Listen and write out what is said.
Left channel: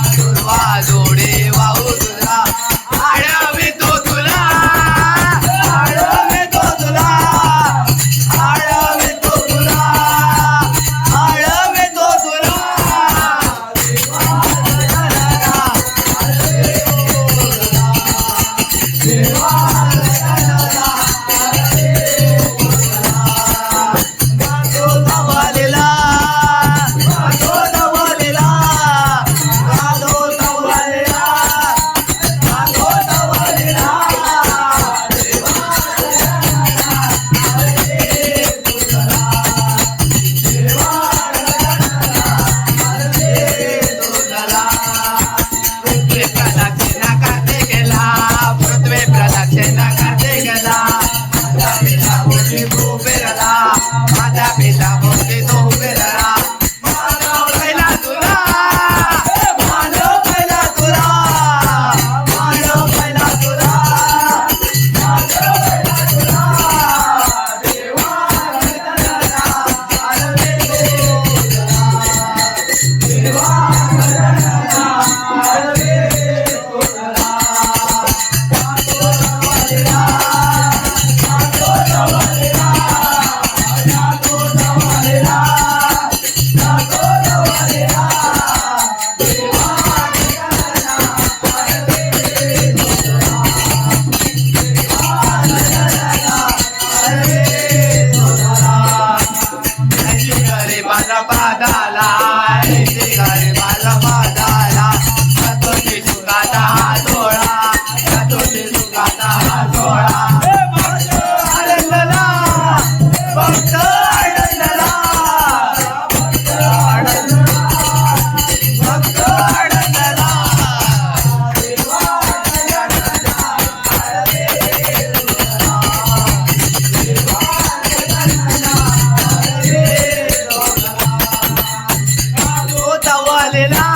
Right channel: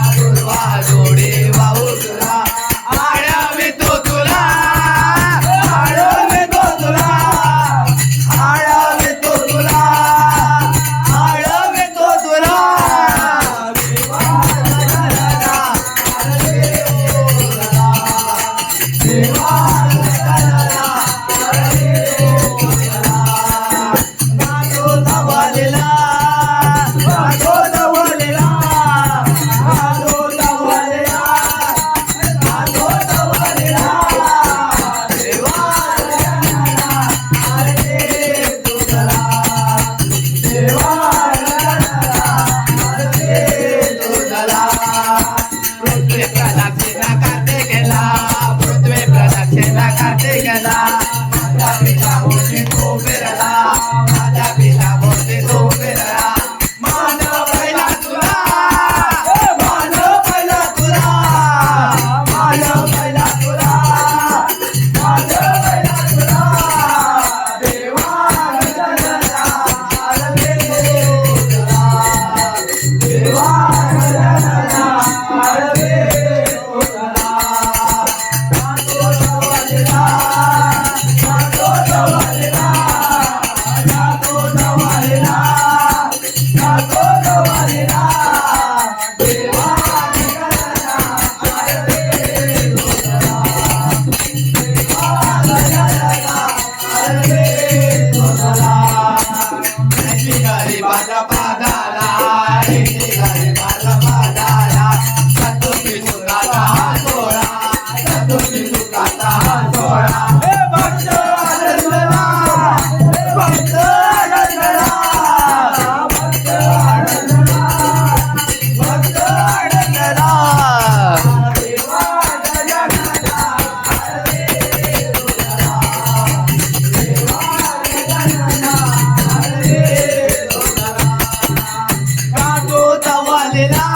वा जोडे वाहू तुला. आळावी तो तुला. आळावे तो तुला. आळावे तो तुला. आळावे तो तुला. देवा. పేరదా మాతా పితా गरीबाला पादाला. la